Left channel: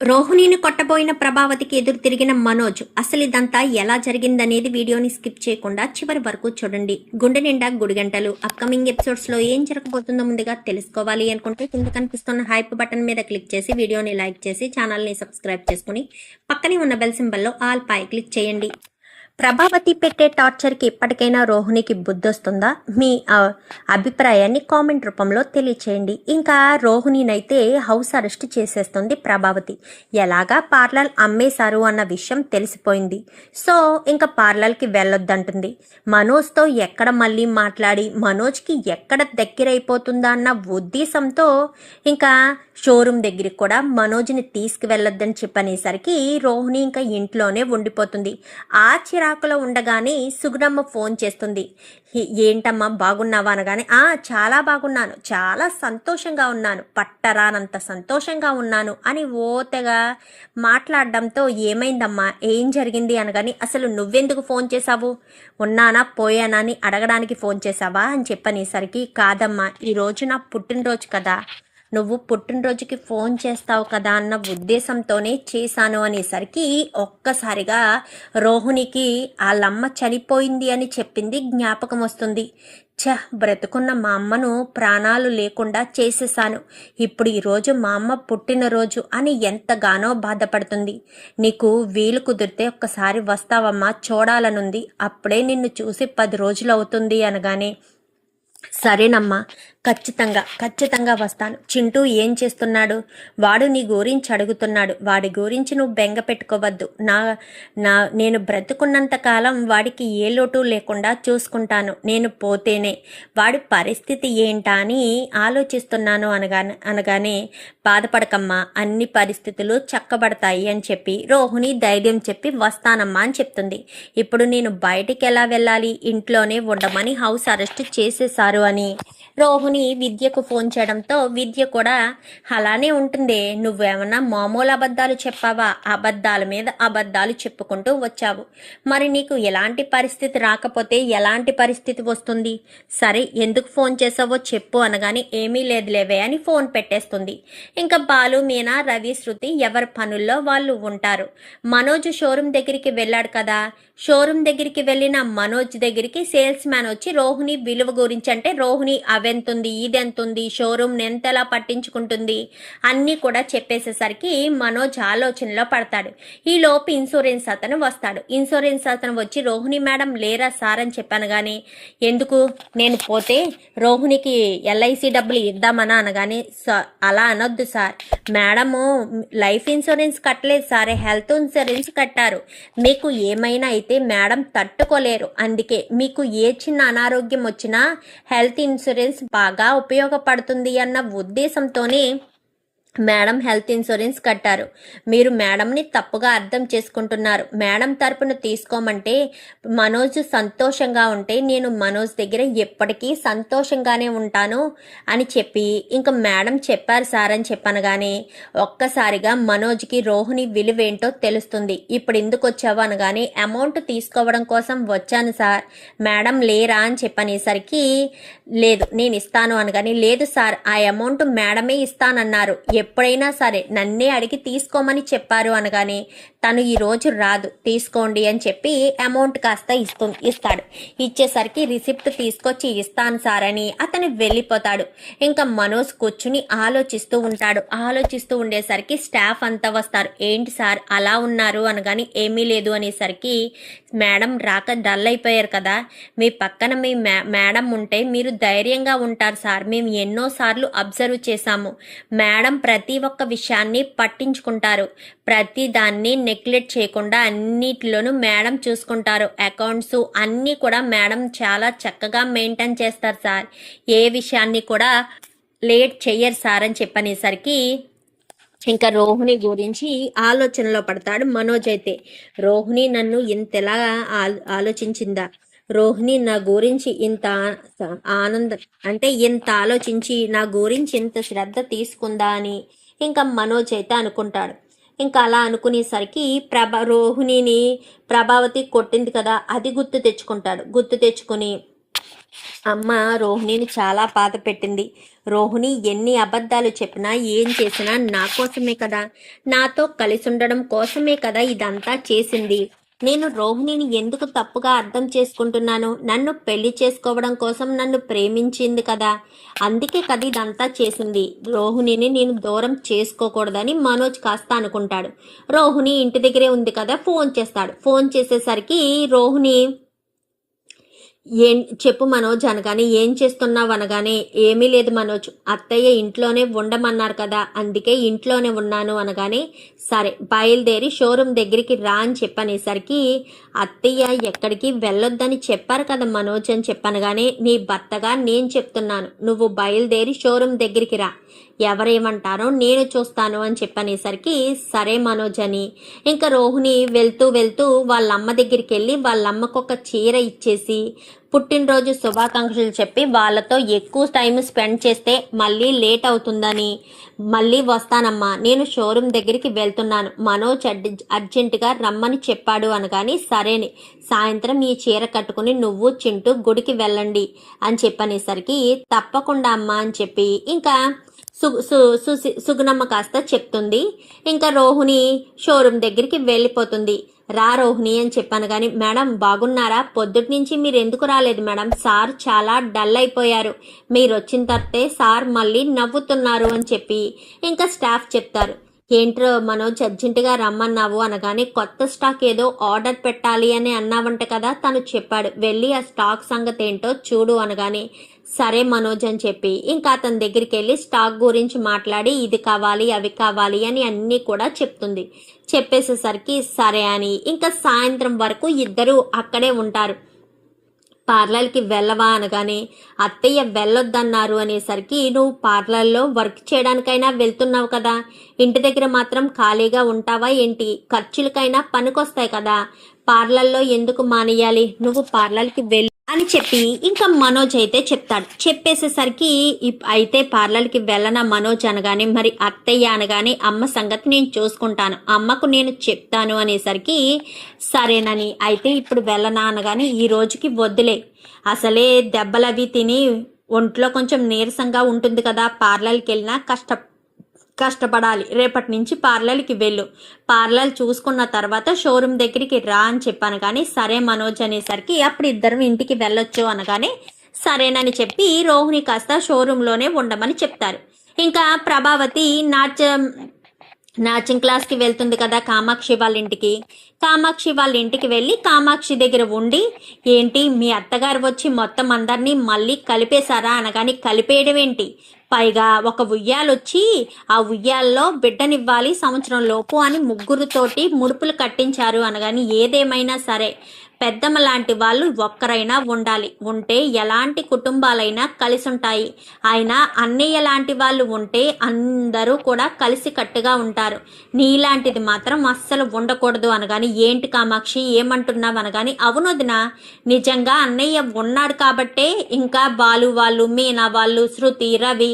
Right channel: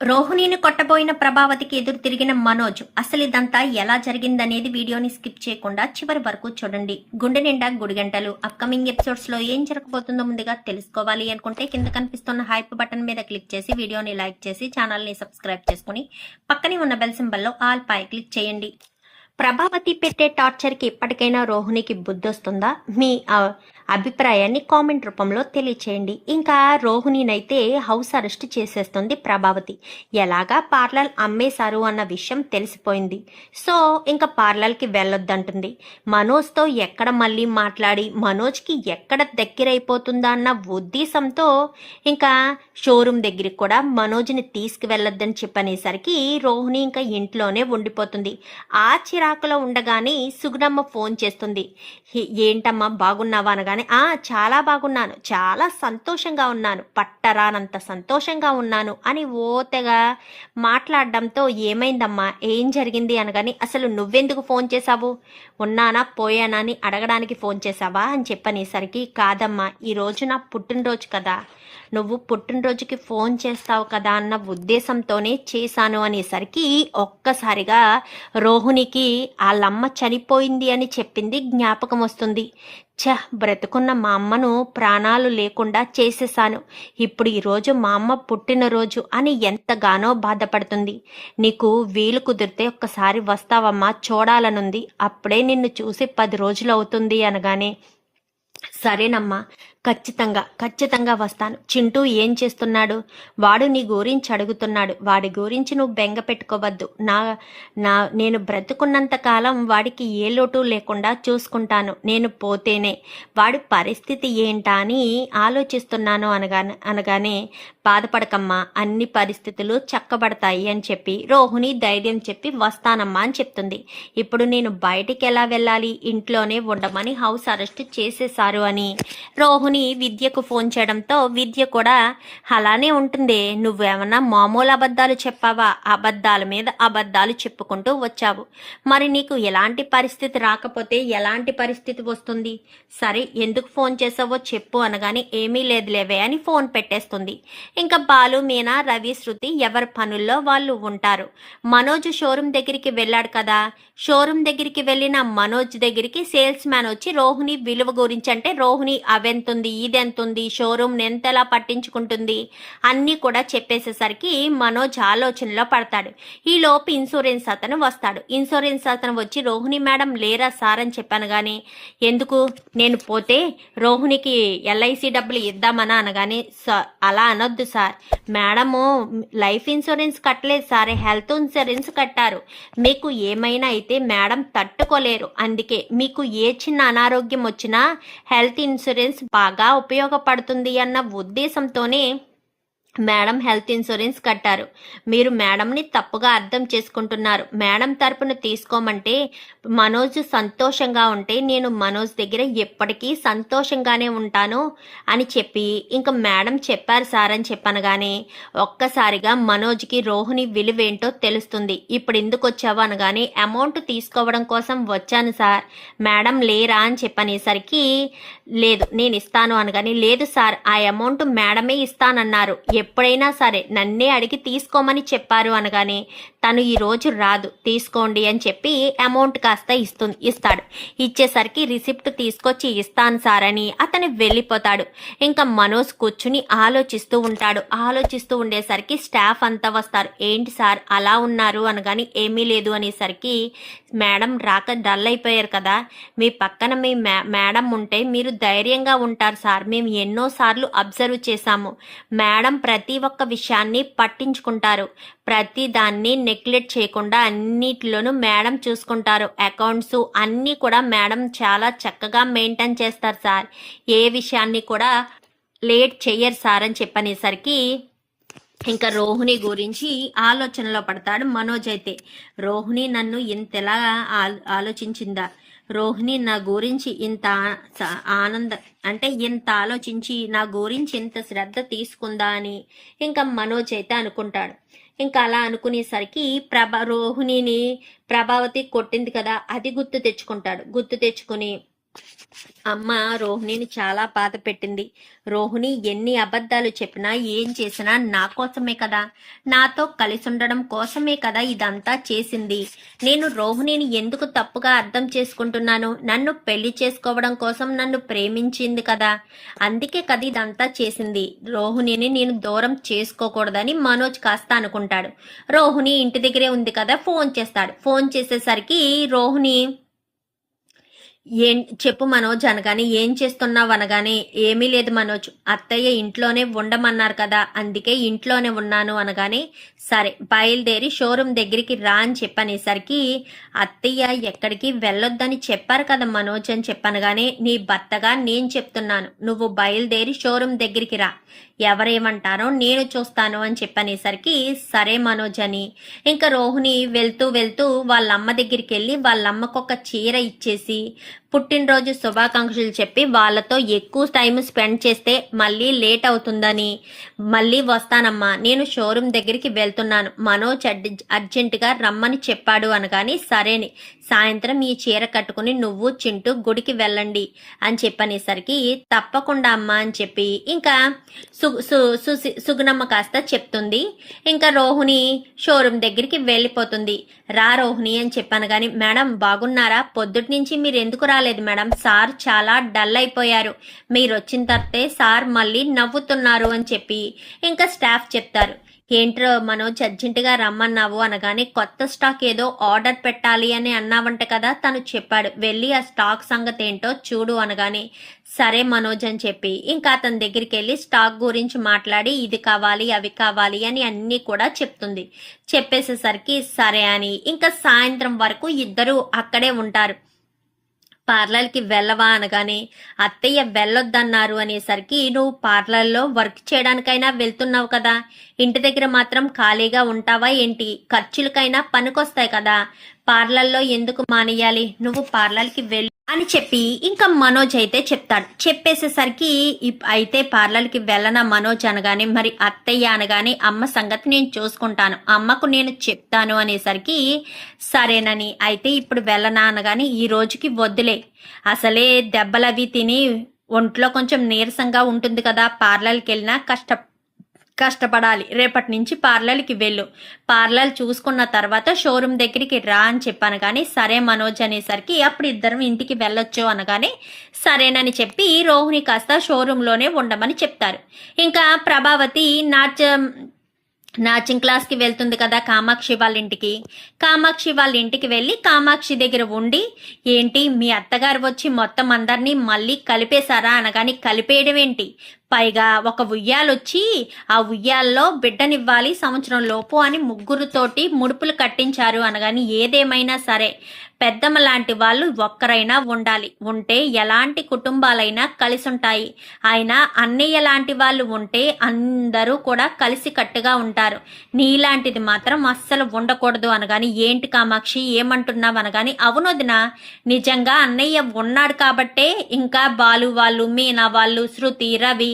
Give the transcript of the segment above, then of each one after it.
రోహిణిని కొట్టబోయిన ప్రభావతికి ఎదురు తిరిగిన మనోజ్ అసలు ఇదంతా ఎలా జరిగిందనేది వీడియోని స్కిప్ చేయకుండా చివరి వరకు చూడండి. గుండె నిండా గుడిగంటలు అప్కమింగ్ ఎపిసోడ్స్ లో ఏం జరగబోతుందో ముందుగా తెలుసుకోవాలి అనుకుంటే కింద కనిపిస్తున్న హైప్ బటన్ మీద క్లిక్ చేసి వీడియోని లైక్ చేసి ఛానల్ని సబ్స్క్రైబ్ చేసుకుని పక్కనే ఉన్న బెల్ సింబల్లో ఆల్ పై క్లిక్ చేయండి. ప్రభావతి పెట్టే టార్చర్కి ఇప్పటికైనా రోహిణికి బుద్ధొస్తుందా? మీ అభిప్రాయాన్ని కామెంట్ రూపంలో తెలియచేయండి. ఇంకా రోహిణినైతే హౌస్ అరెస్ట్ చేసేస్తుంది ప్రభావతి. ఎలాగా పార్లర్ అమ్మేశారు అన్న విషయం తెలిసిపోయింది. సో ఇంకా పార్లర్కి వెళ్ళొద్దంటుంది. మనోజ్తో ఎక్కడ మళ్ళీ మాట్లాడి మనోజ్కి ఎక్కడ దగ్గరైపోతుందా అన్న ఉద్దేశంతో ఇంకా షోరూమ్ దగ్గరికి కూడా మనోజ్ని తీసుకువెళ్ళొద్దని చెప్పనేసరికి రోహిణి ఇంకా ఇంట్లోనే ఉండిపోతుంది. ఆ చిరాకులో ఉండగానే సుగుణమ్మ ఫోన్ చేస్తుంది. ఏంటమ్మా బాగున్నావా అనగానే చాలా బాగున్నాను, చాలా సంతోషంగా ఉన్నాను, పట్టరానంత సంతోషంగా ఉన్నాను అని ఓతెగా మాట్లాడడంతో ఏమైందమ్మా, ఏం జరిగింది అనగాని అసలు నువ్వెందుకు ఫోన్ చేశావు, ఉన్నానా పోయానా అని అడగడానికి ఫోన్ చేశావా అని చెప్పనేసరికి కాదమ్మా, ఈరోజు నా పుట్టినరోజు కదా, నువ్వు పుట్టినరోజుకి ఫోన్ చేస్తావు కదా అన్న ఉద్దేశంతోనే చేశాను అనేసరికి ఒక్కసారిగా రోహిణికి వాళ్ళమ్మ చనిపోయింది అని చెప్పింది జ్ఞాపకం వస్తుంది. బ్రతుకున్న మా అమ్మను ప్రాణాలు లేకుండా చేసేసాను, ఇప్పుడు ఈరోజు మా అమ్మ పుట్టినరోజు అని ఎంతగానో బాధపడుతుంది. నీకు వీలు కుదిరితే ఒక్కసారి వస్తావమ్మా, చూడాలనుంది, అప్పుడే నిన్ను చూసి 10 రోజులు అవుతుంది అనగానే సరేనమ్మా, ఖచ్చితంగా వస్తాను. చింటూ ఏం చేస్తున్నాడు? వాడు నీ గురించి అడుగుతున్నాడు, వాడి గురించి నువ్వు బెంగ పెట్టుకోవద్దు. నేను బ్రతుకున్నంత కాలం వాడికి ఏ లోటు లేకుండా చూసుకుంటాను, నేను పోతేనే వాడి పరిస్థితి ఏంటా అని ఆలోచిస్తున్నాను అనగానే బాధపడకమ్మా, అన్ని పరిస్థితులు చక్కబడతాయి అని చెప్పి రోహిణి ధైర్యం చెప్పి వస్తానమ్మా అని చెప్తుంది. ఇప్పుడు నేను బయటికి ఎలా వెళ్ళాలి, ఇంట్లోనే ఉండమని హౌస్ అరెస్ట్ చేసేశారు అని రోహిణి విద్యకు ఫోన్ చేయడంతో విద్య కూడా అలానే ఉంటుంది, నువ్వేమన్నా మామూలు అబద్ధాలు చెప్పావా, అబద్ధాల మీద అబద్ధాలు చెప్పుకుంటూ వచ్చావు, మరి నీకు ఎలాంటి పరిస్థితి రాకపోతే ఎలాంటి పరిస్థితి వస్తుంది, సరే ఎందుకు ఫోన్ చేసావో చెప్పు అనగానే ఏమీ లేదులేవే అని ఫోన్ పెట్టేస్తుంది. ఇంకా బాలు, మీనా, రవి, శృతి ఎవరి పనుల్లో వాళ్ళు ఉంటారు. మనోజ్ షోరూమ్ దగ్గరికి వెళ్ళాడు కదా, షోరూమ్ దగ్గరికి వెళ్ళిన మనోజ్ దగ్గరికి సేల్స్ మ్యాన్ వచ్చి రోహిణి విలువ గురించి, అంటే రోహిణి అవెంతుంది, ఇదెంతుంది, షోరూమ్ ఎంతలా పట్టించుకుంటుంది అన్నీ కూడా చెప్పేసేసరికి మనోజ్ ఆలోచనలో పడతాడు. ఈ లోపు ఇన్సూరెన్స్ అతను వస్తాడు. ఇన్సూరెన్స్ అతను వచ్చి రోహిణి మేడం లేరా సార్ అని చెప్పాను కానీ, ఎందుకు, నేను పోతే రోహిణికి ఎల్ఐసి డబ్బులు ఇద్దామనా అనగానే అలా అనొద్దు సార్, మేడము లైఫ్ ఇన్సూరెన్స్ కట్టలేదు సార్, హెల్త్ ఇన్సూరెన్స్ కట్టారు, మీకు ఏమైనా అయితే మేడం తట్టుకోలేరు, అందుకే మీకు ఏ చిన్న అనారోగ్యం వచ్చినా హెల్త్ ఇన్సూరెన్స్ బాగా ఉపయోగపడుతుంది అన్న ఉద్దేశంతోనే మేడం హెల్త్ ఇన్సూరెన్స్ కట్టారు. మీరు మేడంని తప్పుగా అర్థం చేసుకుంటున్నారు. మేడం తరపున తీసుకోమంటే మనోజ్ సంతోషంగా ఉంటే నేను మనోజ్ దగ్గర ఎప్పటికీ సంతోషంగానే ఉంటాను అని చెప్పి ఇంకా మేడం చెప్పారు సార్ అని చెప్పనగానే ఒక్కసారిగా మనోజ్కి రోహిణి విలువేంటో తెలుస్తుంది. ఇప్పుడు ఎందుకు వచ్చావు అనగానే అమౌంట్ తీసుకోవడం కోసం వచ్చాను సార్, మేడం లేరా అని చెప్పనేసరికి లేదు నేను ఇస్తాను అనగానే లేదు సార్, ఆ అమౌంట్ మేడమే ఇస్తానన్నారు, ఎప్పుడైనా సరే నన్నే అడిగి తీసుకోమని చెప్పారు అనగానే తను ఈరోజు రాదు, తీసుకోండి అని చెప్పి అమౌంట్ కాస్త ఇస్తాడు. ఇచ్చేసరికి రిసిప్ట్ తీసుకొచ్చి ఇస్తాను సార్ అని అతను వెళ్ళిపోతాడు. ఇంకా మనోజ్ కూర్చుని ఆలోచిస్తూ ఉంటాడు. ఆలోచిస్తూ ఉండేసరికి స్టాఫ్ అంతా వస్తారు. ఏంటి సార్ అలా ఉన్నారు అనగాని ఏమీ లేదు అనేసరికి మేడం రాక డల్ అయిపోయారు కదా, మీ పక్కన మీ మేడం ఉంటే మీరు ధైర్యంగా ఉంటారు సార్, మేము ఎన్నోసార్లు అబ్జర్వ్ చేశాము, మేడం ప్రతి ఒక్క విషయాన్ని పట్టించుకుంటారు, ప్రతి దాన్ని నెగ్లెక్ట్ చేయకుండా అన్నిటిలోనూ మేడం చూసుకుంటారు, అకౌంట్స్ అన్నీ కూడా మేడం చాలా చక్కగా మెయింటైన్ చేస్తారు సార్, ఏ విషయాన్ని కూడా లేట్ చెయ్యరు సార్ అని చెప్పనేసరికి ఇంకా రోహిణి గురించి ఆలోచనలో పడతాడు మనోజ్. అయితే రోహిణి నన్ను ఇంతలా ఆలోచించిందా, రోహిణి నా గురించి ఇంత ఇంత ఆలోచించి నా గురించి ఇంత శ్రద్ధ తీసుకుందా అని ఇంకా మనోజ్ అయితే అనుకుంటాడు. ఇంకా అలా అనుకునేసరికి రోహిణిని ప్రభావతి కొట్టింది కదా అది గుర్తు తెచ్చుకుంటాడు. గుర్తు తెచ్చుకుని అమ్మ రోహిణిని చాలా బాధ పెట్టింది. రోహిణి ఎన్ని అబద్ధాలు చెప్పినా ఏం చేసినా నా కోసమే కదా, నాతో కలిసి ఉండడం కోసమే కదా ఇదంతా చేసింది. నేను రోహిణిని ఎందుకు తప్పుగా అర్థం చేసుకుంటున్నాను? నన్ను పెళ్లి చేసుకోవడం కోసం నన్ను ప్రేమించింది కదా, అందుకే కదా ఇదంతా చేసింది. రోహిణిని నేను దూరం చేసుకోకూడదని మనోజ్ కాస్త అనుకుంటాడు. రోహిణి ఇంటి దగ్గరే ఉంది కదా, ఫోన్ చేస్తాడు. ఫోన్ చేసేసరికి రోహిణి చెప్పు మనోజ్ అనగానే, ఏం చేస్తున్నావు అనగానే, ఏమీ లేదు మనోజ్, అత్తయ్య ఇంట్లోనే ఉండమన్నారు కదా, అందుకే ఇంట్లోనే ఉన్నాను అనగానే, సరే బయలుదేరి షోరూమ్ దగ్గరికి రా అని చెప్పనేసరికి, అత్తయ్య ఎక్కడికి వెళ్ళొద్దని చెప్పారు కదా మనోజ్ అని చెప్పనగానే, నీ భర్తగా నేను చెప్తున్నాను, నువ్వు బయలుదేరి షోరూమ్ దగ్గరికి రా, ఎవరేమంటారో నేను చూస్తాను అని చెప్పనేసరికి, సరే మనోజ్ అని ఇంకా రోహిణి వెళ్తూ వెళ్తూ వాళ్ళమ్మ దగ్గరికి వెళ్ళి వాళ్ళమ్మకు ఒక చీర ఇచ్చేసి పుట్టినరోజు శుభాకాంక్షలు చెప్పి వాళ్ళతో ఎక్కువ టైం స్పెండ్ చేస్తే మళ్ళీ లేట్ అవుతుందని, మళ్ళీ వస్తానమ్మా, నేను షోరూమ్ దగ్గరికి వెళ్తున్నాను, మనోజ్ అర్జెంటుగా రమ్మని చెప్పాడు అనగాని, సరేని సాయంత్రం ఈ చీర కట్టుకుని నువ్వు చింటూ గుడికి వెళ్ళండి అని చెప్పనేసరికి, తప్పకుండా అమ్మా అని చెప్పి ఇంకా సుగుణమ్మ కాస్త చెప్తుంది. ఇంకా రోహిణి షోరూమ్ దగ్గరికి వెళ్ళిపోతుంది. రా రోహిణి అని చెప్పాను కానీ, మేడం బాగున్నారా, పొద్దుటి నుంచి మీరు ఎందుకు రాలేదు మేడం, సార్ చాలా డల్ అయిపోయారు, మీరు వచ్చిన తర్వాతే సార్ మళ్ళీ నవ్వుతున్నారు అని చెప్పి ఇంకా స్టాఫ్ చెప్తారు. ఏంట్రో మనోజ్ అర్జెంటుగా రమ్మన్నావు అనగానే, కొత్త స్టాక్ ఏదో ఆర్డర్ పెట్టాలి అని అన్నావంట కదా, తను చెప్పాడు, వెళ్ళి ఆ స్టాక్ సంగతి ఏంటో చూడు అనగానే, సరే మనోజ్ అని చెప్పి ఇంకా అతని దగ్గరికి వెళ్ళి స్టాక్ గురించి మాట్లాడి, ఇది కావాలి అవి కావాలి అని అన్నీ కూడా చెప్తుంది. చెప్పేసేసరికి సరే అని ఇంకా సాయంత్రం వరకు ఇద్దరు అక్కడే ఉంటారు. పార్లర్కి వెళ్ళవా అనగానే, అత్తయ్య వెళ్ళొద్దన్నారు అనేసరికి, నువ్వు పార్లర్లో వర్క్ చేయడానికైనా వెళ్తున్నావు కదా, ఇంటి దగ్గర మాత్రం ఖాళీగా ఉంటావా ఏంటి, ఖర్చులకైనా పనికొస్తాయి కదా, పార్లర్లో ఎందుకు మానేయాలి, నువ్వు పార్లర్కి వెళ్ళి అని చెప్పి ఇంకా మనోజ్ అయితే చెప్తాడు. చెప్పేసేసరికి, అయితే పార్లర్కి వెళ్ళనా మనోజ్ అనగానే, మరి అత్తయ్య అనగానే, అమ్మ సంగతి నేను చూసుకుంటాను, అమ్మకు నేను చెప్తాను అనేసరికి, సరేనని అయితే ఇప్పుడు వెళ్ళనా అనగానే, ఈ రోజుకి వద్దులే, అసలే దెబ్బలవి తిని ఒంట్లో కొంచెం నీరసంగా ఉంటుంది కదా, పార్లర్కి వెళ్ళినా కష్టపడాలి, రేపటి నుంచి పార్లర్కి వెళ్ళు, పార్లర్ చూసుకున్న తర్వాత షోరూమ్ దగ్గరికి రా అని చెప్పాను కానీ, సరే మనోజ్ అనేసరికి అప్పుడు ఇద్దరం ఇంటికి వెళ్ళొచ్చు అనగానే, సరేనని చెప్పి రోహిణి కాస్త షోరూంలోనే ఉండమని చెప్తారు. ఇంకా ప్రభావతి నాచింగ్ క్లాస్కి వెళ్తుంది కదా కామాక్షి వాళ్ళ ఇంటికి. కామాక్షి వాళ్ళ ఇంటికి వెళ్ళి కామాక్షి దగ్గర ఉండి, ఏంటి మీ అత్తగారు వచ్చి మొత్తం అందరినీ మళ్ళీ కలిపేశారా అనగాని, కలిపేయడం ఏంటి, పైగా ఒక ఉయ్యాలొచ్చి ఆ ఉయ్యాల్లో బిడ్డనివ్వాలి సంవత్సరం లోపు అని ముగ్గురుతోటి ముడుపులు కట్టించారు అనగాని, ఏదేమైనా సరే పెద్దమ్మ లాంటి వాళ్ళు ఒక్కరైనా ఉండాలి, ఉంటే ఎలాంటి కుటుంబాలైనా కలిసి ఉంటాయి, ఆయన అన్నయ్య లాంటి వాళ్ళు ఉంటే అందరూ కూడా కలిసి కట్టుగా ఉంటారు, నీలాంటిది మాత్రం అస్సలు ఉండకూడదు అనగాని, ఏంటి కామాక్షి ఏమంటున్నావు అనగాని, అవును వదిన, నిజంగా అన్నయ్య ఉన్నాడు కాబట్టే ఇంకా బాలు వాళ్ళు, మీనా వాళ్ళు, శృతి, రవి,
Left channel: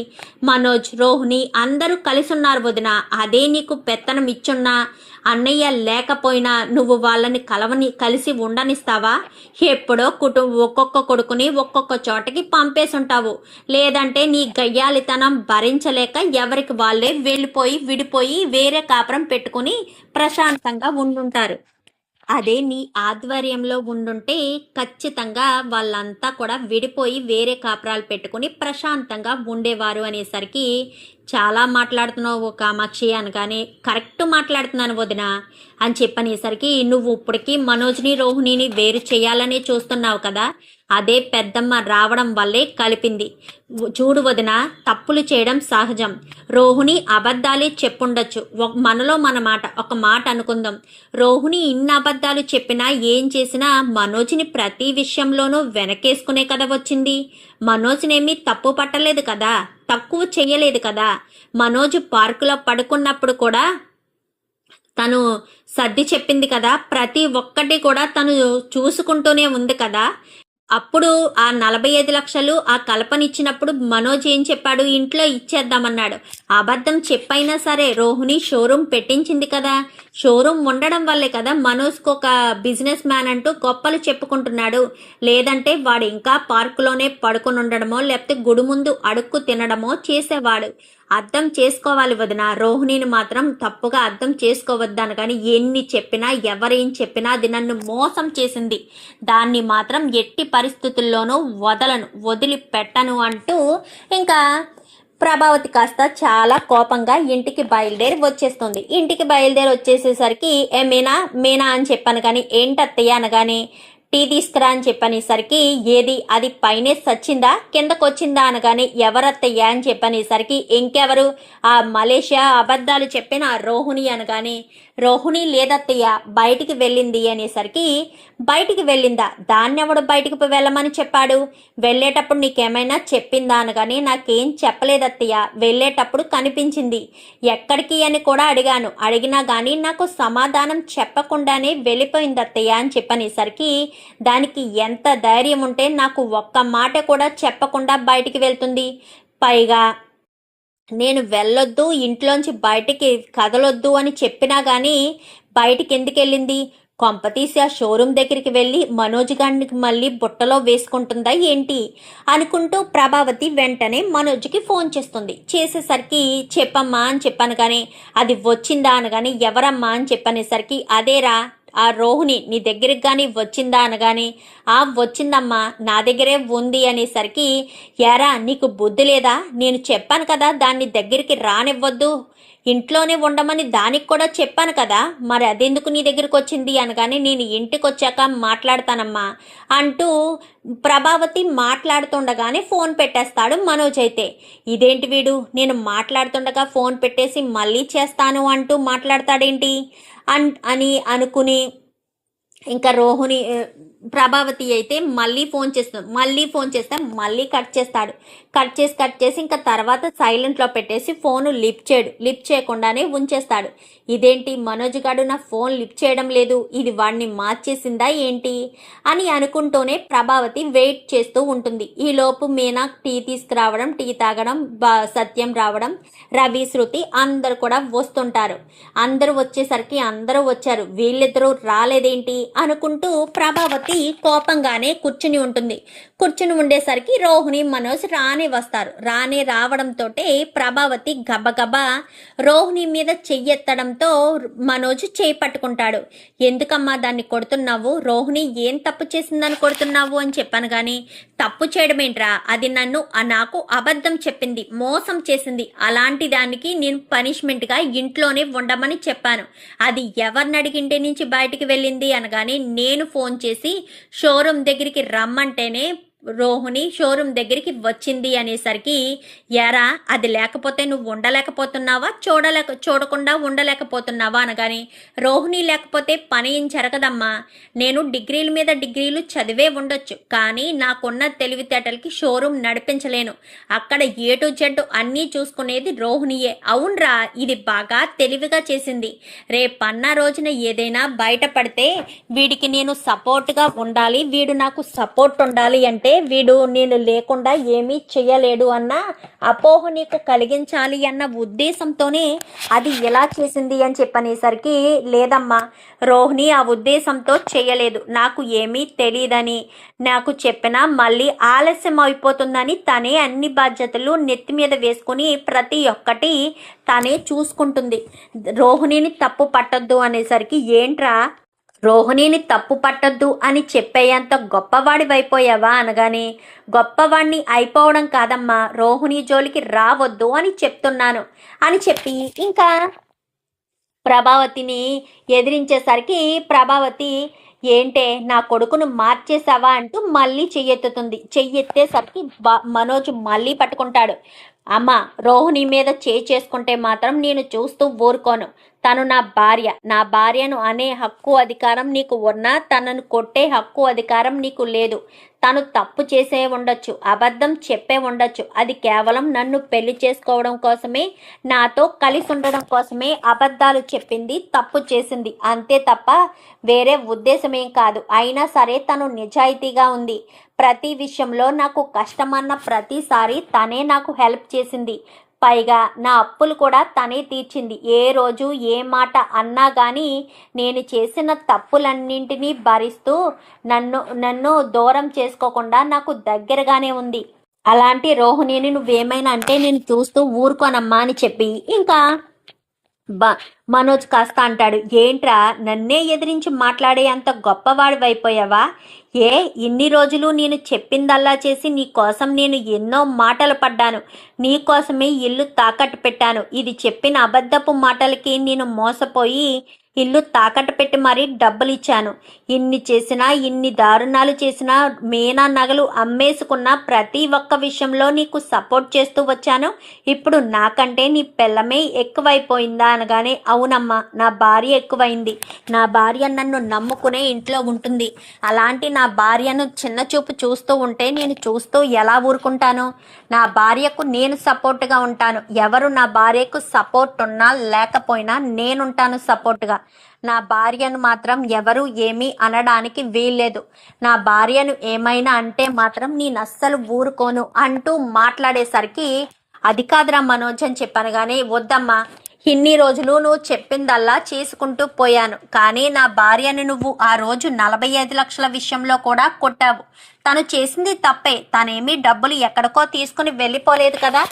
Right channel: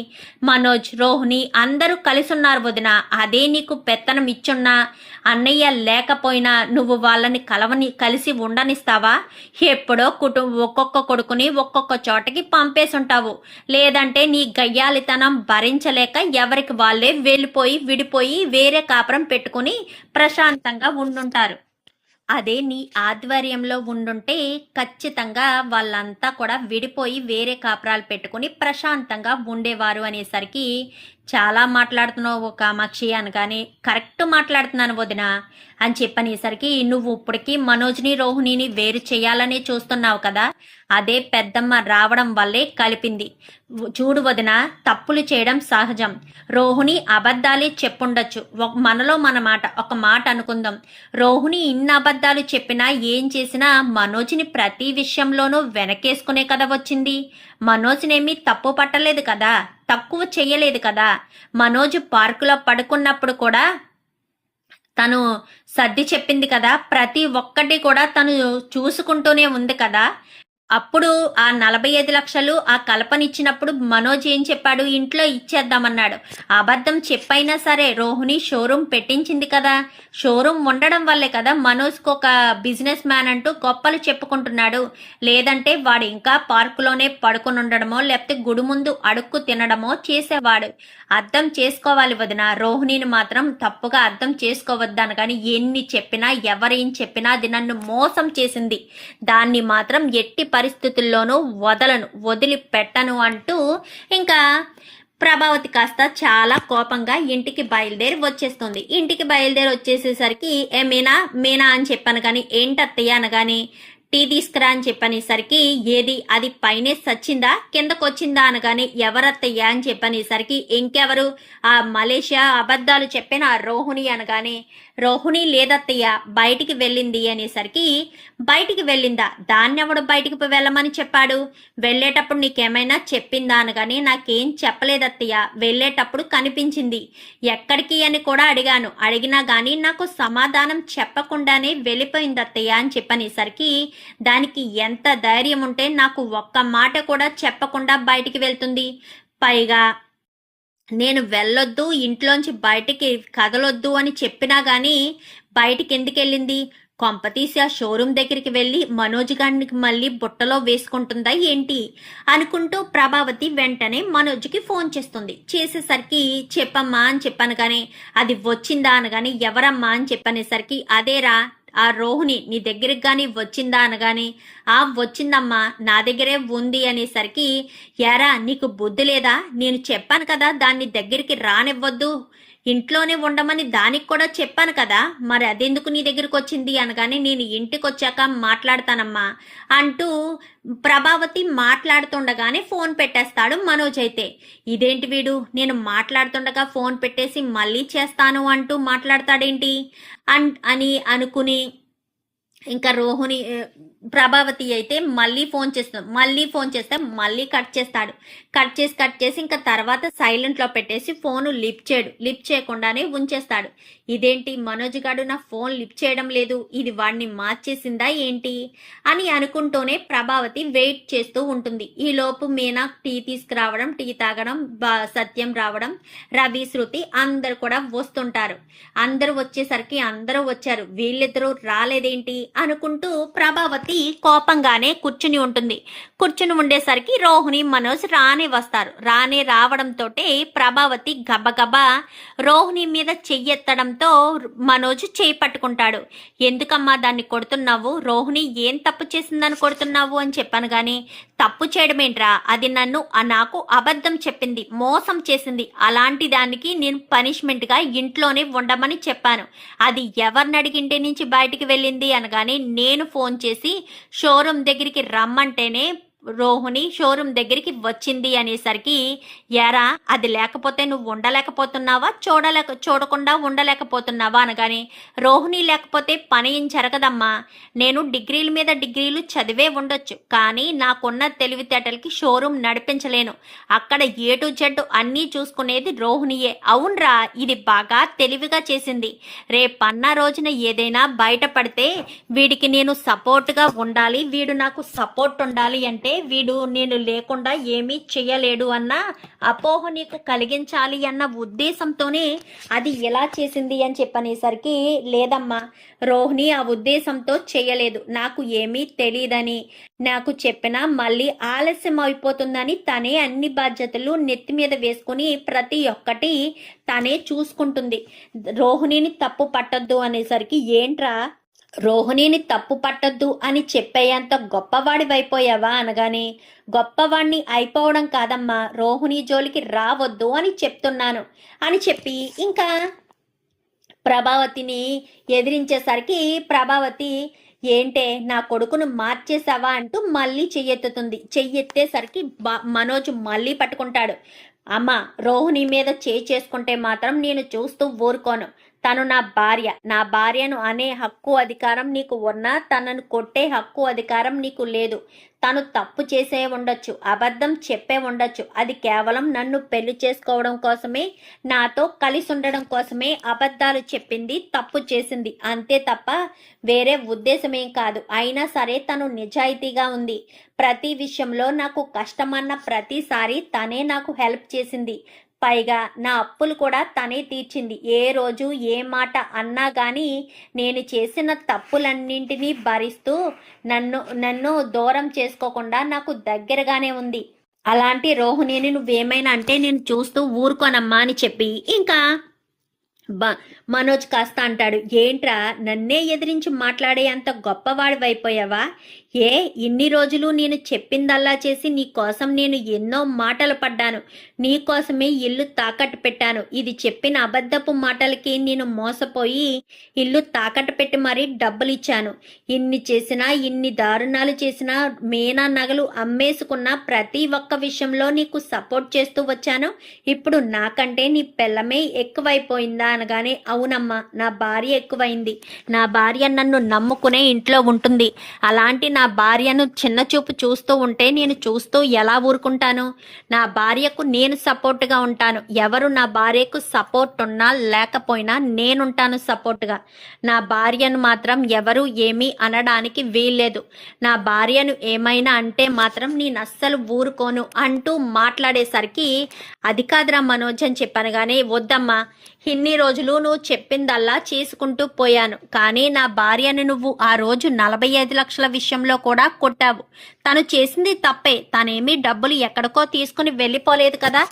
మనోజ్, రోహిణి అందరూ కలిసి ఉన్నారు వదిన, అదే నీకు పెత్తనం ఇచ్చున్నా అన్నయ్య లేకపోయినా నువ్వు వాళ్ళని కలిసి ఉండనిస్తావా, ఎప్పుడో ఒక్కొక్క కొడుకుని ఒక్కొక్క చోటకి పంపేసుంటావు, లేదంటే నీ గయ్యాలితనం భరించలేక ఎవరికి వాళ్ళే వెళ్ళిపోయి విడిపోయి వేరే కాపురం పెట్టుకుని ప్రశాంతంగా ఉండుంటారు. అదే నీ ఆధ్వర్యంలో ఉండుంటే ఖచ్చితంగా వాళ్ళంతా కూడా విడిపోయి వేరే కాపురాలు పెట్టుకుని ప్రశాంతంగా ఉండేవారు అనేసరికి, చాలా మాట్లాడుతున్నావు కామాక్షి అనగానే, కరెక్ట్ మాట్లాడుతున్నాను వదిన అని చెప్పనేసరికి, నువ్వు ఇప్పటికీ మనోజ్ని రోహిణిని వేరు చేయాలని చూస్తున్నావు కదా, అదే పెద్దమ్మ రావడం వల్లే కలిపింది. చూడు వదిన, తప్పులు చేయడం సహజం, రోహిణి అబద్ధాలే చెప్పుండొచ్చు, మనలో మన మాట ఒక మాట అనుకుందాం, రోహిణి ఇన్ని అబద్ధాలు చెప్పినా ఏం చేసినా మనోజ్ని ప్రతి విషయంలోనూ వెనకేసుకునే కదా వచ్చింది, మనోజ్నేమీ తప్పు పట్టలేదు కదా, తక్కువ చెయ్యలేదు కదా, మనోజ్ పార్కులో పడుకున్నప్పుడు కూడా తను సర్ది చెప్పింది కదా, ప్రతి ఒక్కటి కూడా తను చూసుకుంటూనే ఉంది కదా, అప్పుడు ఆ 45 లక్షలు ఆ కల్పన ఇచ్చినప్పుడు మనోజ్ ఏం చెప్పాడు, ఇంట్లో ఇచ్చేద్దామన్నాడు. అబద్ధం చెప్పైనా సరే రోహిణి షోరూమ్ పెట్టించింది కదా, షోరూమ్ ఉండడం వల్లే కదా మనోజ్కి ఒక బిజినెస్ మ్యాన్ అంటూ గొప్పలు చెప్పుకుంటున్నాడు. లేదంటే వాడు ఇంకా పార్కులోనే పడుకుని ఉండడమో లేకపోతే గుడి ముందు అడుక్కు తినడమో చేసేవాడు. అర్థం చేసుకోవాలి వదిన, రోహిణిని మాత్రం తప్పుగా అర్థం చేసుకోవద్దాను. కానీ ఎన్ని చెప్పినా ఎవరేం చెప్పినా అది నన్ను మోసం చేసింది, దాన్ని మాత్రం ఎట్టి పరిస్థితుల్లోనూ వదిలిపెట్టను అంటూ ఇంకా ప్రభావతి కాస్త చాలా కోపంగా ఇంటికి బయలుదేరి వచ్చేస్తుంది. ఇంటికి బయలుదేరి వచ్చేసేసరికి మీనా మీనా అని చెప్పాను కానీ ఏంటత్తయ్య అనగాని టీ తీసుకురా అని చెప్పనేసరికి ఏది అది పైనే సచ్చిందా కిందకు వచ్చిందా అనగానే ఎవరత్తయ్యా అని చెప్పనేసరికి ఇంకెవరు ఆ మలేషియా అబద్ధాలు చెప్పిన ఆ రోహిణి అనగానే రోహిణి లేదత్తయ్య బయటికి వెళ్ళింది అనేసరికి బయటికి వెళ్ళిందా, దాన్నెవడు బయటికి వెళ్ళమని చెప్పాడు, వెళ్ళేటప్పుడు నీకేమైనా చెప్పిందా అనగానే నాకేం చెప్పలేదత్తయ్య, వెళ్ళేటప్పుడు కనిపించింది, ఎక్కడికి అని కూడా అడిగినా గానీ నాకు సమాధానం చెప్పకుండానే వెళ్ళిపోయిందత్తయ్య అని చెప్పనేసరికి దానికి ఎంత ధైర్యం ఉంటే నాకు ఒక్క మాట కూడా చెప్పకుండా బయటికి వెళ్తుంది, పైగా నేను వెళ్ళొద్దు ఇంట్లోంచి బయటికి కదలొద్దు అని చెప్పినా గానీ బయటికి ఎందుకు వెళ్ళింది, కొంపతీసి ఆ షోరూమ్ దగ్గరికి వెళ్ళి మనోజ్ గారికి మళ్ళీ బుట్టలో వేసుకుంటుందా ఏంటి అనుకుంటూ ప్రభావతి వెంటనే మనోజ్కి ఫోన్ చేసేసరికి చెప్పమ్మా అని చెప్పాను కానీ అది వచ్చిందా అనగాని ఎవరమ్మా అని చెప్పనేసరికి అదేరా ఆ రోహిణి నీ దగ్గరికి కానీ వచ్చిందా అనగాని వచ్చిందమ్మా నా దగ్గరే ఉంది అనేసరికి యారా నీకు బుద్ధి లేదా, నేను చెప్పాను కదా దాన్ని దగ్గరికి రానివ్వద్దు ఇంట్లోనే ఉండమని దానికి కూడా చెప్పాను కదా, మరి అదెందుకు నీ దగ్గరికి వచ్చింది అనగానే నేను ఇంటికి వచ్చాక మాట్లాడతానమ్మా అంటూ ప్రభావతి మాట్లాడుతుండగానే ఫోన్ పెట్టేస్తాడు మనోజ్. అయితే ఇదేంటి వీడు నేను మాట్లాడుతుండగా ఫోన్ పెట్టేసి మళ్ళీ చేస్తాను అంటూ మాట్లాడతాడేంటి అని అనుకుని ఇంకా రోహిణి ప్రభావతి అయితే మళ్ళీ ఫోన్ చేస్తే మళ్ళీ కట్ చేసి ఇంకా తర్వాత సైలెంట్లో పెట్టేసి ఫోను లిఫ్ట్ చేయకుండానే ఉంచేస్తాడు. ఇదేంటి మనోజ్ గారు నా ఫోన్ లిఫ్ట్ చేయడం లేదు, ఇది వాడిని మార్చేసిందా ఏంటి అని అనుకుంటూనే ప్రభావతి వెయిట్ చేస్తూ ఉంటుంది. ఈలోపు మీనా టీ తీసుకురావడం, టీ తాగడం, సత్యం రావడం, రవి, శృతి అందరు కూడా వస్తుంటారు. అందరూ వచ్చేసరికి అందరూ వచ్చారు, వీళ్ళిద్దరూ రాలేదేంటి అనుకుంటూ ప్రభావతి కోపంగానే కూర్చుని ఉంటుంది. కూర్చుని ఉండేసరికి రోహిణి మనోజ్ రావడంతో ప్రభావతి గబగబా రోహిణి మీద చెయ్యెత్తడంతో మనోజ్ చేయి పట్టుకుంటాడు. ఎందుకమ్మా దాన్ని కొడుతున్నావు, రోహిణి ఏం తప్పు చేసిందని కొడుతున్నావు అని చెప్పాను గాని తప్పు చేయడమేంట్రా, అది నాకు అబద్ధం చెప్పింది, మోసం చేసింది, అలాంటి దానికి నేను పనిష్మెంట్గా ఇంట్లోనే ఉండమని చెప్పాను, అది ఎవరిని అడిగింటే నుంచి బయటికి వెళ్ళింది అనగానే నేను ఫోన్ చేసి షోరూమ్ దగ్గరికి రమ్మంటేనే రోహిణి షోరూమ్ దగ్గరికి వచ్చింది అనేసరికి యారా అది లేకపోతే నువ్వు ఉండలేకపోతున్నావా, చూడకుండా ఉండలేకపోతున్నావా అనగాని రోహిణి లేకపోతే పని ఏం జరగదమ్మా, నేను డిగ్రీల మీద డిగ్రీలు చదివే ఉండొచ్చు కానీ నాకున్న తెలివితేటలకి షోరూమ్ నడిపించలేను, అక్కడ ఏ టు జెడ్ అన్నీ చూసుకునేది రోహిణియే. అవునరా ఇది బాగా తెలివిగా చేసింది, రేపన్న రోజున ఏదైనా బయటపడితే వీడికి నేను సపోర్ట్గా ఉండాలి, వీడు నాకు సపోర్ట్ ఉండాలి అంటే వీడు నేను లేకుండా ఏమీ చెయ్యలేడు అన్న అపోహ నీకు కలిగించాలి అన్న ఉద్దేశంతోనే అది ఎలా చేసింది అని చెప్పనేసరికి లేదమ్మా రోహిణి ఆ ఉద్దేశంతో చేయలేదు, నాకు ఏమీ తెలియదని నాకు చెప్పినా మళ్ళీ ఆలస్యం అయిపోతుందని తనే అన్ని బాధ్యతలు నెత్తి మీద వేసుకుని ప్రతి ఒక్కటి తనే చూసుకుంటుంది, రోహిణిని తప్పు పట్టొద్దు అనేసరికి ఏంట్రా రోహిణిని తప్పు పట్టొద్దు అని చెప్పేంత గొప్పవాడివైపోయావా అనగానే గొప్పవాణ్ణి అయిపోవడం కాదమ్మా, రోహిణి జోలికి రావద్దు అని చెప్తున్నాను అని చెప్పి ఇంకా ప్రభావతిని ఎదిరించేసరికి ప్రభావతి ఏంటే నా కొడుకును మార్చేసావా అంటూ మళ్ళీ చెయ్యెత్తేసరికి మనోజ్ మళ్ళీ పట్టుకుంటాడు. అమ్మ రోహిణి మీద చేసుకుంటే మాత్రం నేను చూస్తూ ఊరుకోను, తను నా భార్యను అనే హక్కు అధికారం నీకు ఉన్నా తనను కొట్టే హక్కు అధికారం నీకు లేదు. తను తప్పు చేసే ఉండొచ్చు, అబద్ధం చెప్పే ఉండొచ్చు. అది కేవలం నన్ను పెళ్లి చేసుకోవడం కోసమే, నాతో కలిసి ఉండడం కోసమే అబద్ధాలు చెప్పింది, తప్పు చేసింది, అంతే తప్ప వేరే ఉద్దేశమేం కాదు. అయినా సరే తను నిజాయితీగా ఉంది. ప్రతి విషయంలో నాకు కష్టమన్న ప్రతిసారి తనే నాకు హెల్ప్ చేసింది. పైగా నా అప్పులు కూడా తనే తీర్చింది. ఏ రోజు ఏ మాట అన్నా కానీ నేను చేసిన తప్పులన్నింటినీ భరిస్తూ నన్ను దూరం చేసుకోకుండా నాకు దగ్గరగానే ఉంది. అలాంటి రోహిణిని నువ్వేమైనా అంటే నేను చూస్తూ ఊరుకోనమ్మా అని చెప్పి ఇంకా మనోజ్ కాస్త అంటాడు, ఏంట్రా నన్నే ఎదిరించి మాట్లాడే అంత గొప్పవాడివైపోయావా? ఇన్ని రోజులు నేను చెప్పిందల్లా చేసి నీ కోసం నేను ఎన్నో మాటలు పడ్డాను. నీ కోసమే ఇల్లు తాకట్టు పెట్టాను. ఇది చెప్పిన అబద్ధపు మాటలకి నేను మోసపోయి ఇల్లు తాకట్టు పెట్టి మరీ డబ్బులు ఇచ్చాను. ఇన్ని చేసినా, ఇన్ని దారుణాలు చేసినా, మీనా నగలు అమ్మేసుకున్న ప్రతి ఒక్క విషయంలో నీకు సపోర్ట్ చేస్తూ వచ్చాను. ఇప్పుడు నాకంటే నీ పిల్లమే ఎక్కువైపోయిందా అనగానే, అవునమ్మా, నా భార్య ఎక్కువైంది. నా భార్య నన్ను నమ్ముకునే ఇంట్లో ఉంటుంది. అలాంటి నా భార్యను చిన్న చూపు చూస్తూ ఉంటే నేను చూస్తూ ఎలా ఊరుకుంటాను? నా భార్యకు నేను సపోర్ట్గా ఉంటాను. ఎవరు నా భార్యకు సపోర్ట్ ఉన్నా లేకపోయినా నేనుంటాను సపోర్ట్గా. నా భార్యను మాత్రం ఎవరు ఏమీ అనడానికి వీల్లేదు. నా భార్యను ఏమైనా అంటే మాత్రం నేను అస్సలు ఊరుకోను అంటూ మాట్లాడేసరికి, అది కాదురా మనోజ్ అని చెప్పాను. కానీ వద్దమ్మా, ఇన్ని రోజులు నువ్వు చెప్పిందల్లా చేసుకుంటూ పోయాను. కానీ నా భార్యను నువ్వు ఆ రోజు 45 లక్షల విషయంలో కూడా కొట్టావు. తను చేసింది తప్పే. తనేమీ డబ్బులు ఎక్కడికో తీసుకుని వెళ్ళిపోలేదు కదా,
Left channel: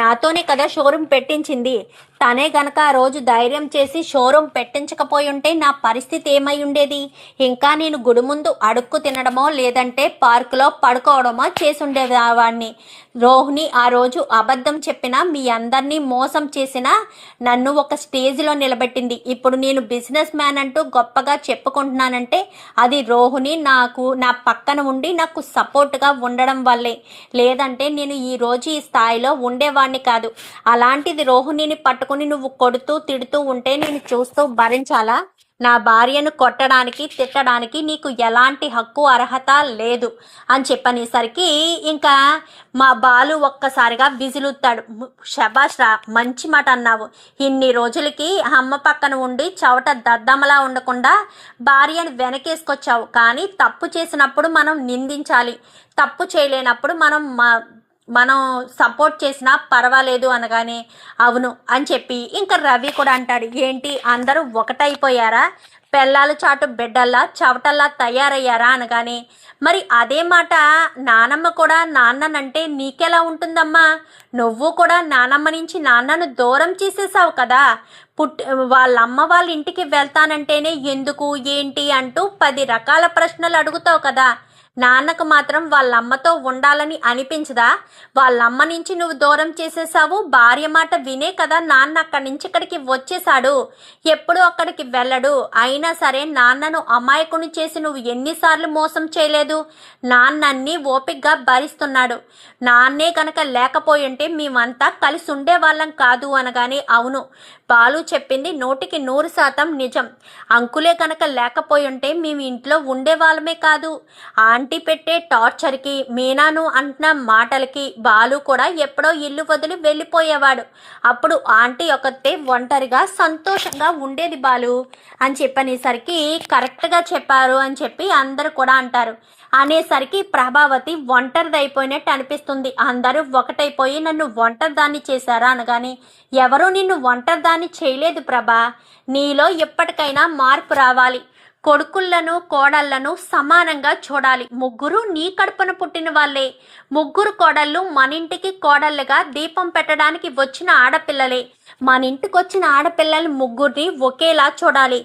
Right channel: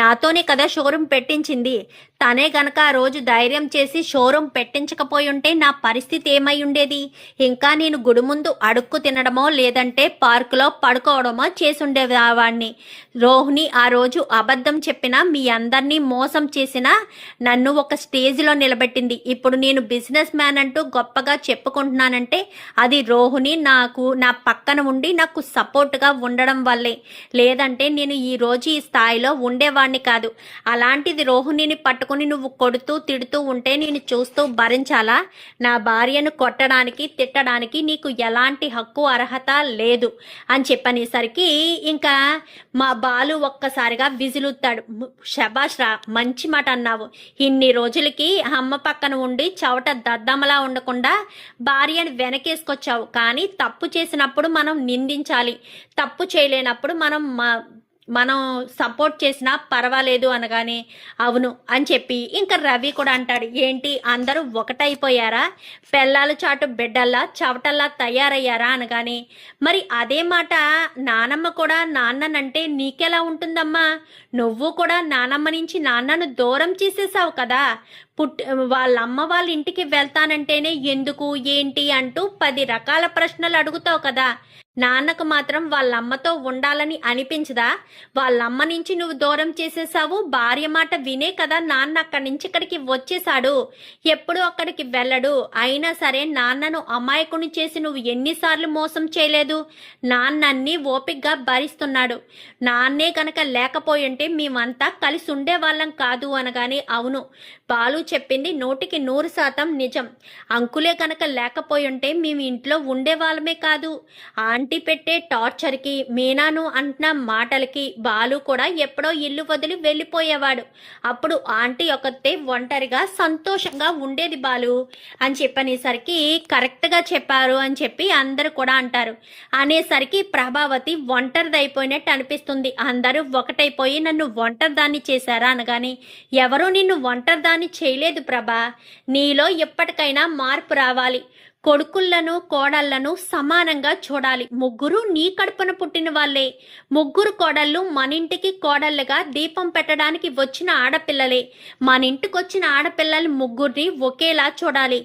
నాతోనే కదా షోరూమ్ పెట్టించింది. తనే గనక ఆ రోజు ధైర్యం చేసి షోరూమ్ పెట్టించకపోయి ఉంటే నా పరిస్థితి ఏమై ఉండేది? ఇంకా నేను గుడి ముందు అడుక్కు తినడమో లేదంటే పార్కులో పడుకోవడమో చేసుండేవాడిని. రోహిణి ఆ రోజు అబద్ధం చెప్పినా, మీ అందరినీ మోసం చేసినా నన్ను ఒక స్టేజ్లో నిలబెట్టింది. ఇప్పుడు నేను బిజినెస్ మ్యాన్ అంటూ గొప్పగా చెప్పుకుంటున్నానంటే అది రోహిణి నా పక్కన ఉండి నాకు సపోర్ట్గా ఉండడం వల్లే. లేదంటే నేను ఈ రోజు ఈ స్థాయిలో ఉండేవాడిని కాదు. అలాంటిది రోహిణిని పట్టుకుని నువ్వు కొడుతూ తిడుతూ ఉంటే నేను చూస్తూ భరించాలా? నా భార్యను కొట్టడానికి తిట్టడానికి నీకు ఎలాంటి హక్కు అర్హత లేదు అని చెప్పనేసరికి ఇంకా మా బాలు ఒక్కసారిగా విజులుతాడు. శబాష్ రా, మంచి మాట అన్నావు. ఇన్ని రోజులకి అమ్మ పక్కన ఉండి చవట దద్దమ్మలా ఉండకుండా భార్యను వెనకేసుకొచ్చావు. కానీ తప్పు చేసినప్పుడు మనం నిందించాలి, తప్పు చేయలేనప్పుడు మనం సపోర్ట్ చేసినా పర్వాలేదు అనగానే, అవును అని చెప్పి ఇంకా రవి కూడా అంటాడు, ఏంటి అందరూ ఒకటైపోయారా? పెళ్ళాలు చాటు బిడ్డల్లా చవటల్లా తయారయ్యారా అనగానే, మరి అదే మాట నానమ్మ కూడా నాన్ననంటే నీకెలా ఉంటుందమ్మా? నువ్వు కూడా నానమ్మ నుంచి నాన్నను దూరం చేసేసావు కదా. వాళ్ళమ్మ వాళ్ళ ఇంటికి వెళ్తానంటేనే ఎందుకు ఏంటి అంటూ 10 రకాల ప్రశ్నలు అడుగుతావు కదా. నాన్నకు మాత్రం వాళ్ళమ్మతో ఉండాలని అనిపించదా? వాళ్ళమ్మ నుంచి నువ్వు దూరం చేసేసావు. భార్య మాట వినే కదా నాన్న అక్కడి నుంచి ఇక్కడికి వచ్చేసాడు. ఎప్పుడు అక్కడికి వెళ్ళడు. అయినా సరే నాన్నను అమాయకుని చేసి నువ్వు ఎన్నిసార్లు మోసం చేయలేదు? నాన్నన్ని ఓపికగా భరిస్తున్నాడు. నాన్నే కనుక లేకపోయి ఉంటే మేమంతా కలిసి ఉండేవాళ్ళం కాదు అనగానే, అవును, బాలు చెప్పింది 100% నిజం. అంకులే కనుక లేకపోయి ఉంటే మేము ఇంట్లో ఉండేవాళ్ళమే కాదు. ఆంటీ పెట్టే టార్చర్కి, మీనాను అంటున్న మాటలకి బాలు కూడా ఎప్పుడో ఇల్లు వదిలి వెళ్ళిపోయేవాడు. అప్పుడు ఆంటీ ఒకతే ఒంటరిగా సంతోషంగా ఉండేది బాలు అని చెప్పనేసరికి, కరెక్ట్గా చెప్పారు అని చెప్పి అందరూ కూడా అంటారు. అనేసరికి ప్రభావతి ఒంటరిదైపోయినట్టు అనిపిస్తుంది. అందరూ ఒకటైపోయి నన్ను ఒంటరిదాన్ని చేశారా అనగాని, ఎవరూ నిన్ను ఒంటరిదాన్ని చేయలేదు ప్రభా. నీలో ఎప్పటికైనా మార్పు రావాలి. కొడుకులను కోడళ్లను సమానంగా చూడాలి. ముగ్గురు నీ కడుపున పుట్టిన వాళ్ళే. ముగ్గురు కోడళ్ళు మన ఇంటికి కోడళ్ళుగా దీపం పెట్టడానికి వచ్చిన ఆడపిల్లలే. మన ఇంటికి వచ్చిన ఆడపిల్లలు ముగ్గురిని ఒకేలా చూడాలి.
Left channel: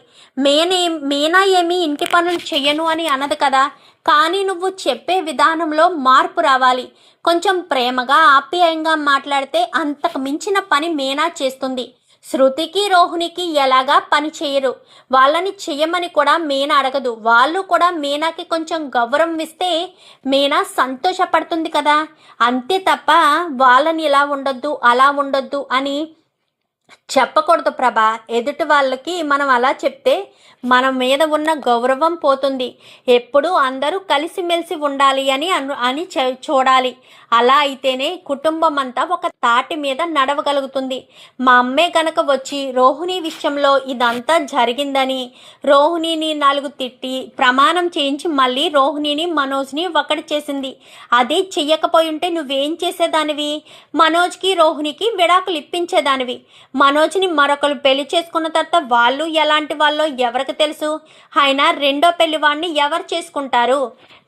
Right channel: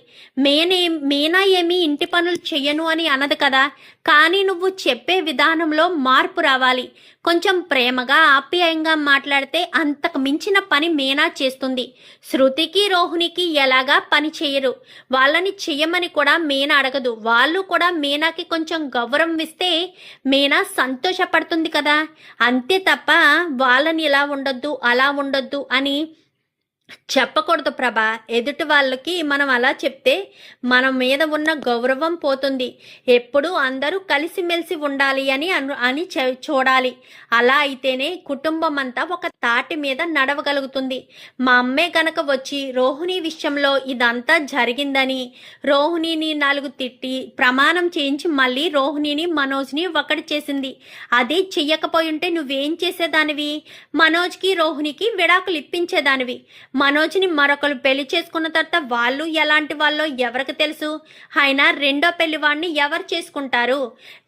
మీనా ఏమీ ఇంటి పనులు చెయ్యను అని అనదు కదా. కానీ నువ్వు చెప్పే విధానంలో మార్పు రావాలి. కొంచెం ప్రేమగా ఆప్యాయంగా మాట్లాడితే అంతకు మించిన పని మీనా చేస్తుంది. శృతికి రోహిణికి ఎలాగా పని చేయరు. వాళ్ళని చెయ్యమని కూడా మీనా అడగదు. వాళ్ళు కూడా మీనాకి కొంచెం గౌరవం ఇస్తే మీనా సంతోషపడుతుంది కదా. అంతే తప్ప వాళ్ళని ఇలా ఉండొద్దు అలా ఉండొద్దు అని చెప్పకూడదు ప్రభా. ఎదుటి వాళ్ళకి మనం అలా చెప్తే మన మీద ఉన్న గౌరవం పోతుంది. ఎప్పుడూ అందరూ కలిసిమెలిసి ఉండాలి అని చూడాలి. అలా అయితేనే కుటుంబం అంతా ఒక తాటి మీద నడవగలుగుతుంది. మా అమ్మే గనక వచ్చి రోహిణి విషయంలో ఇదంతా జరిగిందని రోహిణిని 4 తిట్టి ప్రమాణం చేయించి మళ్ళీ రోహిణిని మనోజ్ని ఒకటి చేసింది. అది చెయ్యకపోయి ఉంటే నువ్వేం చేసేదానివి? మనోజ్కి రోహిణికి విడాకులు ఇప్పించేదానివి. మనోజ్ని మరొకరు పెళ్లి చేసుకున్న తర్వాత వాళ్ళు ఎలాంటి వాళ్ళో ఎవరికి తెలుసు? అయినా రెండో పెళ్లి వాడిని ఎవరు చేసుకుంటారు?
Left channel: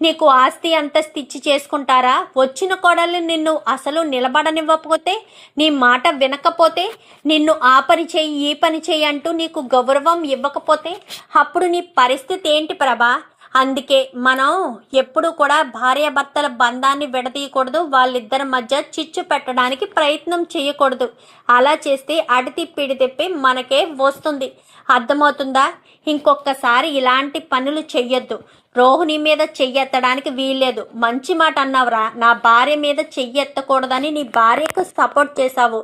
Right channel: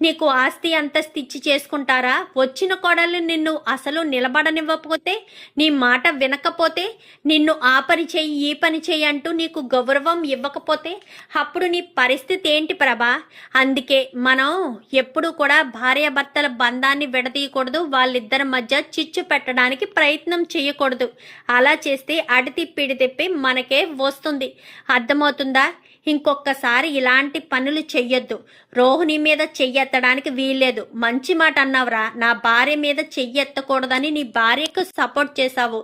నీకు ఆస్తి అంతస్తు ఇచ్చి చేసుకుంటారా? వచ్చిన కోడల్ని నిన్ను అసలు నిలబడనివ్వకపోతే, నీ మాట వినకపోతే, నిన్ను ఆ పని చెయ్యి ఈ పని చెయ్యి అంటూ నీకు గౌరవం ఇవ్వకపోతే అప్పుడు నీ పరిస్థితి ఏంటి ప్రభా? అందుకే మనం ఎప్పుడు కూడా భార్యాభర్తల బంధాన్ని విడదీయకూడదు. వాళ్ళిద్దరి మధ్య చిచ్చు పెట్టడానికి ప్రయత్నం చేయకూడదు. అలా చేస్తే అడితిప్పిడి తిప్పి మనకే వస్తుంది. అర్థమవుతుందా? ఇంకొకసారి ఇలాంటి పనులు చెయ్యొద్దు. రోహిణి మీద చెయ్యెత్తడానికి వీల్లేదు. మంచి మాట అన్నావురా. నా భార్య మీద చెయ్యెత్తకూడదని నీ భార్యకు సపోర్ట్ చేశావు.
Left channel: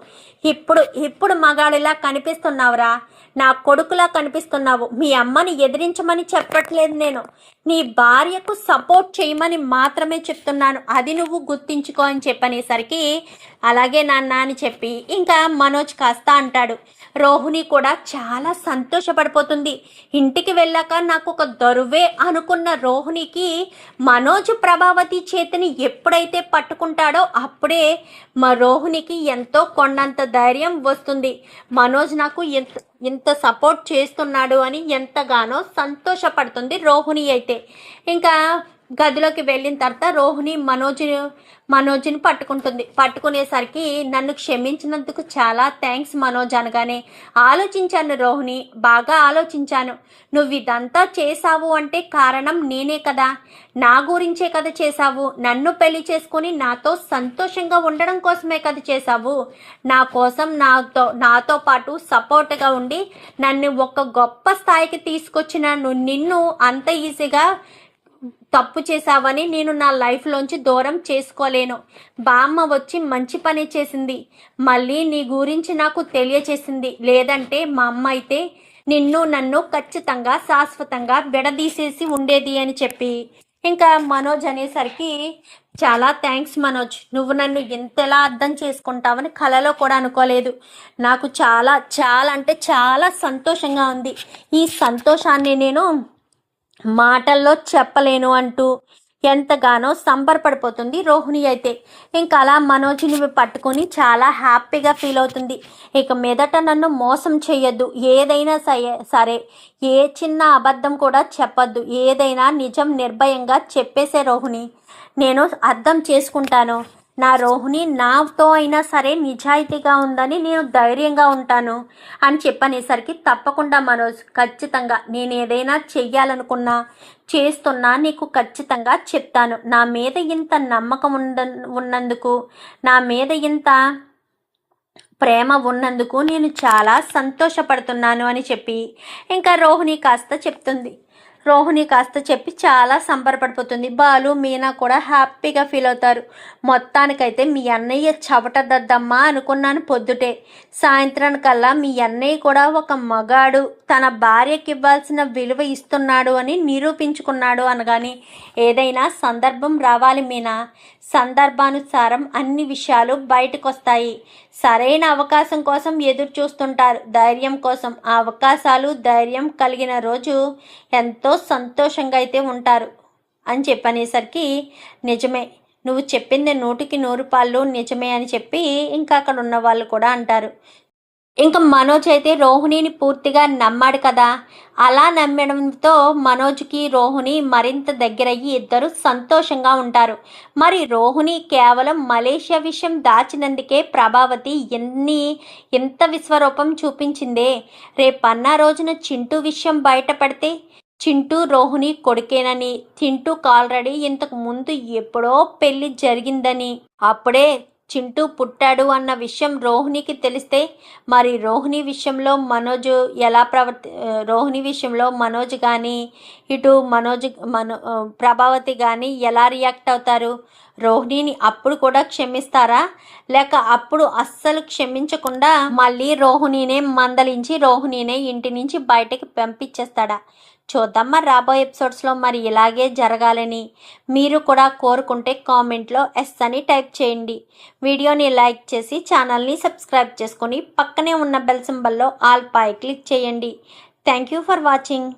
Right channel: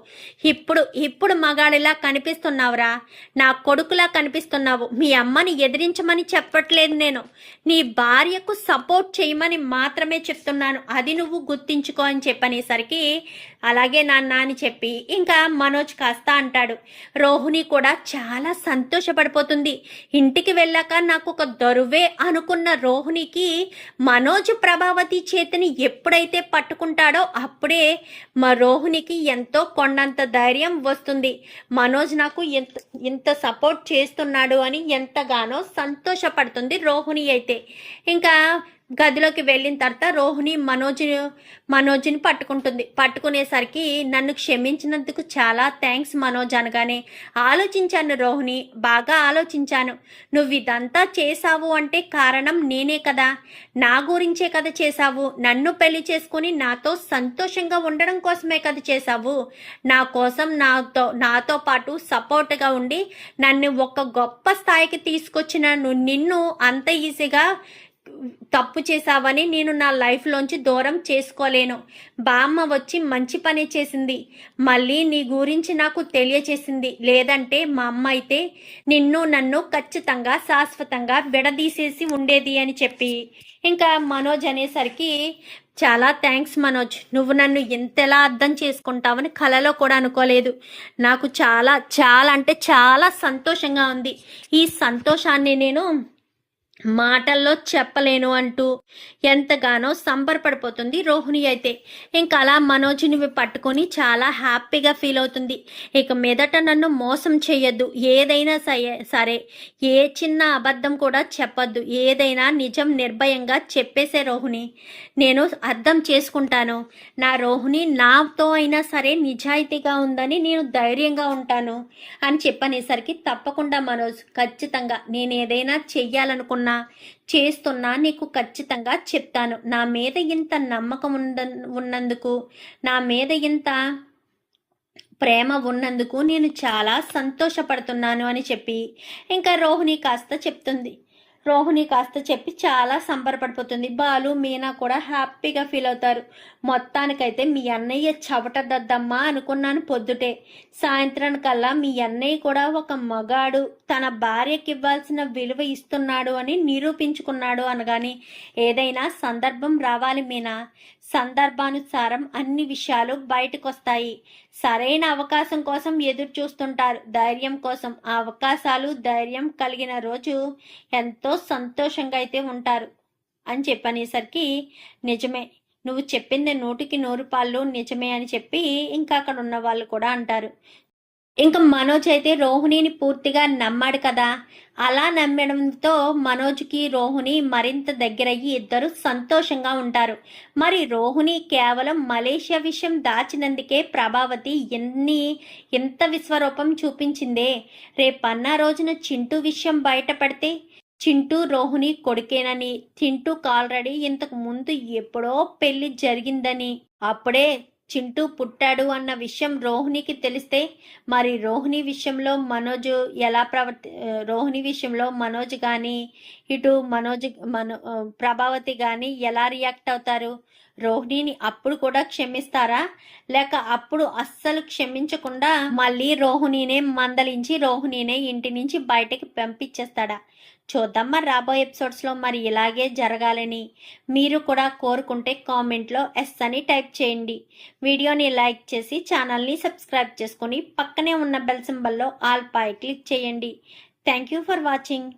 ఇప్పుడు మగాడిలా కనిపిస్తున్నావురా. నా కొడుకులా కనిపిస్తున్నావు. మీ అమ్మని ఎదిరించమని చెప్పట్లేదు నేను. నీ భార్యకు సపోర్ట్ చేయమని మాత్రమే చెప్తున్నాను. అది నువ్వు గుర్తించుకో అని చెప్పనేసరికి అలాగే నాన్న అని చెప్పి ఇంకా మనోజ్ కాస్త అంటాడు. రోహిణి కూడా చాలా సంతోషపడిపోతుంది. ఇంటికి వెళ్ళాక నాకు ఒక దొరువే అనుకున్న రోహిణికి మనోజ్ ప్రభావతి చేతిని ఎప్పుడైతే పట్టుకుంటాడో అప్పుడే మా రోహిణికి ఎంతో కొండంత ధైర్యం వస్తుంది. మనోజ్ నాకు ఇంత సపోర్ట్ చేస్తున్నాడు అని ఎంతగానో సంతోషపడుతుంది రోహిణి అయితే. ఇంకా గదిలోకి వెళ్ళిన తర్వాత రోహిణి మనోజ్ని పట్టుకుంటుంది. పట్టుకునేసరికి నన్ను క్షమించినందుకు చాలా థ్యాంక్స్ మనోజ్ అనగానే, ఆలోచించాను రోహిణి, బాగా ఆలోచించాను. నువ్వు ఇదంతా చేశావు అంటే కారణం నేనే కదా. నా గురించే కదా చేశావు. నన్ను పెళ్లి చేసుకుని నాతో సంతోషంగా ఉండడం కోసమే కదా చేశావు. నా కోసం నాతో పాటు సపోర్ట్గా ఉండి నన్ను ఒక గొప్ప స్థాయికి తీసుకొచ్చిన నిన్ను అంత ఈజీగా తప్పు చేశావని నేను నా లైఫ్లోంచి దూరం చేసుకోలేను. బామ్మ వచ్చి మంచి పని చేసింది. మళ్ళీ నీ గురించి నాకు తెలియచేసింది. లేదంటే మా అమ్మ అయితే నన్ను ఖచ్చితంగా శాశ్వతంగా విడదీసేసి ఉండేది అని చెప్పి ఇంకా మనోజ్ అనేసరికి, చాలా థ్యాంక్స్ మనోజ్, నువ్వు నన్ను ఎంతలా అర్థం చేసుకుంటావని కలలో కూడా అనుకోలేదు. నాకు చాలా చాలా అంటే చాలా సంతోషంగా ఉంది. ఈ సంతోషాన్ని నేను మాటల్లో చెప్పలేను అంటూ ఎంతగానో సంబరపడిపోతుంది రోహిణి అయితే. ఇంకా అలా మనోజ్ని పట్టుకొని చాలా హ్యాపీగా ఫీల్ అవుతుంది. ఇక మీదట నన్ను మోసం చేయొద్దు. ఏదైనా సరే ఏ చిన్న అబద్ధం కూడా చెప్పొద్దు. ఏదైనా నిజం నిర్భయంగా చెప్పేసే రోహిణి. నేను అర్థం చేసుకుంటాను. నా రోహిణి నాతో అయినా సరే నిజాయితీగా ఉందని నేను ధైర్యంగా ఉంటాను అని చెప్పనేసరికి, తప్పకుండా మనోజ్, ఖచ్చితంగా నేను ఏదైనా చెయ్యాలనుకున్నా చేస్తున్నా నీకు ఖచ్చితంగా చెప్తాను. నా మీద ఇంత నమ్మకం ఉన్నందుకు, నా మీద ఇంత ప్రేమ ఉన్నందుకు నేను చాలా సంతోషపడుతున్నాను అని చెప్పి ఇంకా రోహిణి కాస్త చెప్తుంది. రోహిణి కాస్త చెప్పి చాలా సంబరపడిపోతుంది. బాలు, మీనా కూడా హ్యాపీగా ఫీల్ అవుతారు. మొత్తానికైతే మీ అన్నయ్య చవటదద్దమ్మా అనుకున్నాను పొద్దుటే. సాయంత్రానికల్లా మీ అన్నయ్య కూడా ఒక మగాడు తన భార్యకి ఇవ్వాల్సిన విలువ ఇస్తున్నాడు అని నిరూపించుకున్నాడు అనగాని, ఏదైనా సందర్భం రావాలి మీనా. సందర్భానుసారం అన్ని విషయాలు బయటకు వస్తాయి. సరైన అవకాశం కోసం ఎదురు చూస్తుంటారు, ధైర్యం కోసం. ఆ అవకాశాలు ధైర్యం కలిగిన రోజు ఎంతో సంతోషంగా అయితే ఉంటారు అని చెప్పనేసరికి, నిజమే, నువ్వు చెప్పింది 100కి 100 పాళ్ళు నిజమే అని చెప్పి ఇంకా అక్కడ ఉన్న వాళ్ళు కూడా అంటారు. ఇంకా మనోజ్ అయితే రోహిణిని పూర్తిగా నమ్మాడు కదా. అలా నమ్మడంతో మనోజ్కి రోహిణి మరింత దగ్గరయ్యి ఇద్దరు సంతోషంగా ఉంటారు. మరి రోహిణి కేవలం మలేషియా విషయం దాచినందుకే ప్రభావతి ఎంత విశ్వరూపం చూపించిందే. రేపన్న రోజున చింటూ విషయం బయటపడితే, చింటూ రోహిణి కొడుకేనని, చింటూకు ఆల్రెడీ ఇంతకు ముందు ఎప్పుడో పెళ్లి జరిగిందని, అప్పుడే చింటూ పుట్టాడు అన్న విషయం రోహిణికి తెలిస్తే, మరి రోహిణి విషయంలో మనోజ్ కానీ ఇటు ప్రభావతి కానీ ఎలా రియాక్ట్ అవుతారు? రోహిణిని అప్పుడు కూడా క్షమిస్తారా, లేక అప్పుడు అస్సలు క్షమించకుండా మళ్ళీ రోహిణినే మందలించి రోహిణినే ఇంటి నుంచి బయటకి పంపించేస్తాడా? చూద్దాం మరి రాబోయే ఎపిసోడ్స్లో. మరి ఇలాగే జరగాలని మీరు కూడా కోరుకుంటే కామెంట్లో ఎస్ అని టైప్ చేయండి. వీడియోని లైక్ చేసి ఛానల్ని సబ్స్క్రైబ్ చేసుకొని పక్కనే ఉన్న బెల్ సింబల్లో ఆల్ పై క్లిక్ చేయండి. Thank you for watching.